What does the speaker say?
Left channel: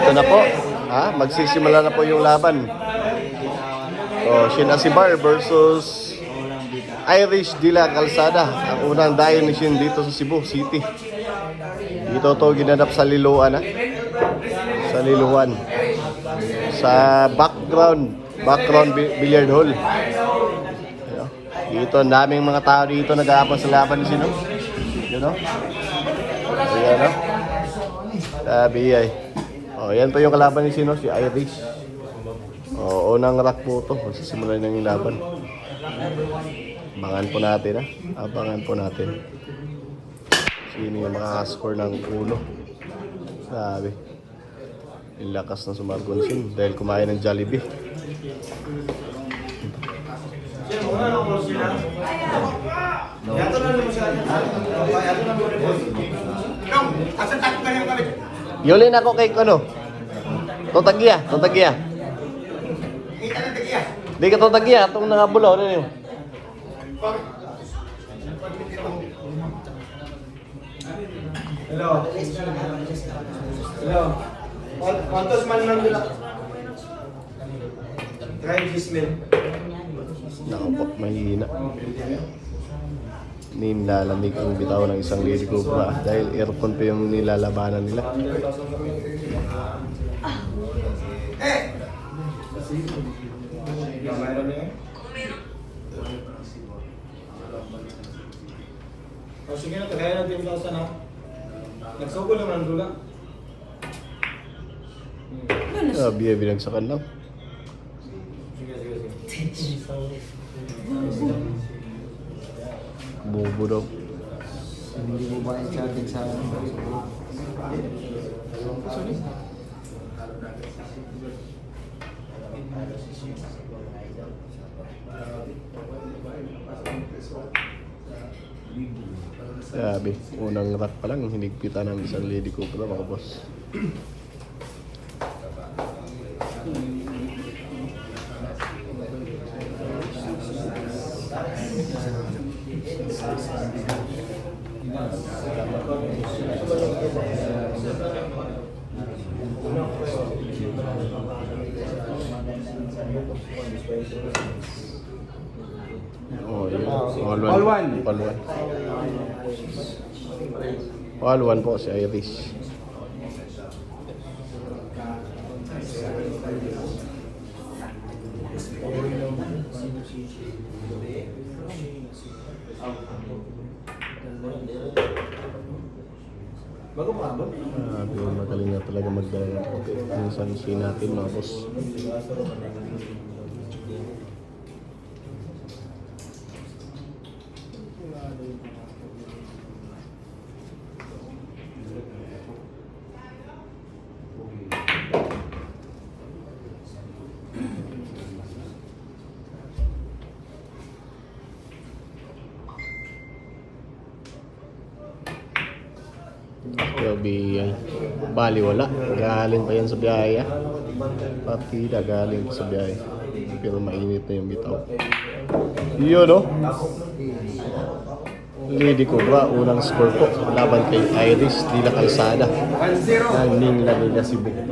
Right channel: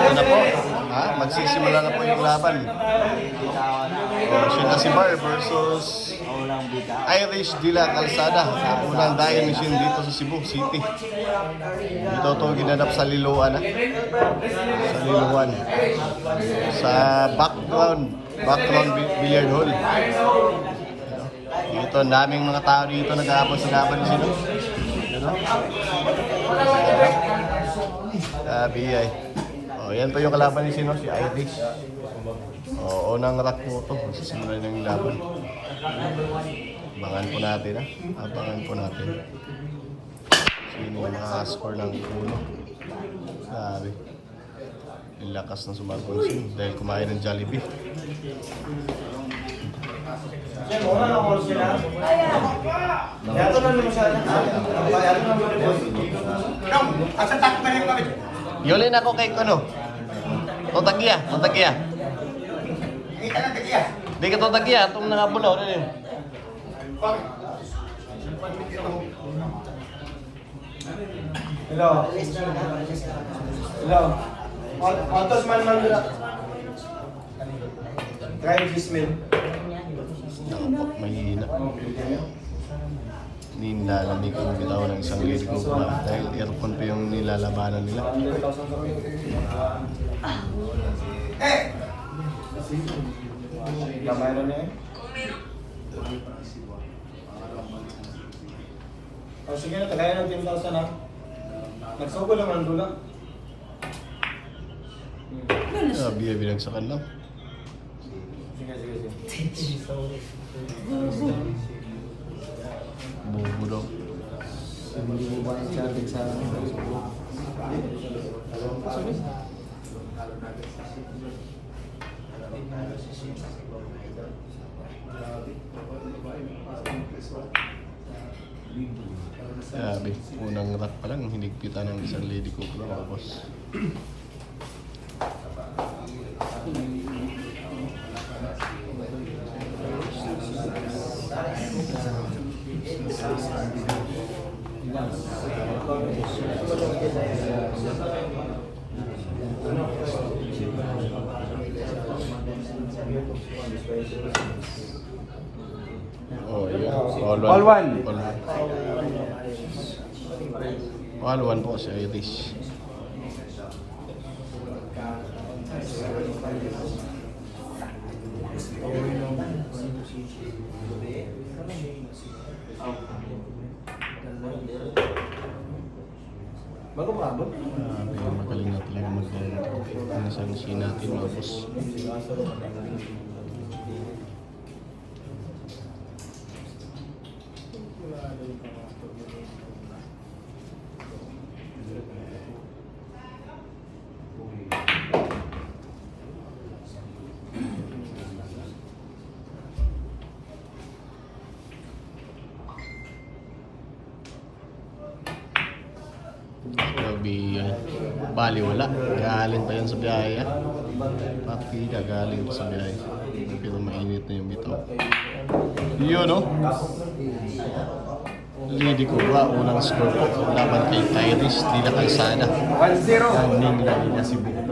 Dito na po. Ha? Magsisimula na po yung laban. Sinasibar versus Irish de la Calzada. Ang unang dayo mission dito sa Cebu City. Dito to ginanap sa Liloan. Sa Liloan. Sa background billiard hall. Dito ang daming mga tao dito nag-aapos sa laban na sila. Sabi ay. Yan po yung kalaban ni Sino, si Irish. Unang rack po ito. Sisimula na yung laban. Abangan po natin. Abangan po natin. Sino yung nakascore ng ulo. Sabi. Yung lakas ng sumagunsin dahil kumain ng Jollibee. Yulin ako kay ano? Totagya. Di ka totagya, itong nakabulaw na yun. Hello. Quantos man dula? Try this meal. Mahina. Nilalamig ang bitaw ng isang lady cobra dahil aircon pa yung nilalabanan nila. Gamay na niya. Sige na, kaya na 10,000 na. Nagsugo lang ang dula. Sabi ay binagsakan lang. Bobo daw. Hindi mo ba yung chatting sa sorry? Sabi, unang rack pa lang, hinigpitan ng isang lady cobra mga boss. All one. All one po si Irish. Bago pa ba? Makaling na talaga mag-salusin natin mga boss. Grabe, bali wala. Galing pa yun sa biyaya. Pati galing sa biyaya. Pero mainit na yung bitaw. Yun, no? Lady Cobra, unang score po. Laban kay Irish, di na Calzada. 1-0. Ning lang na Cebu.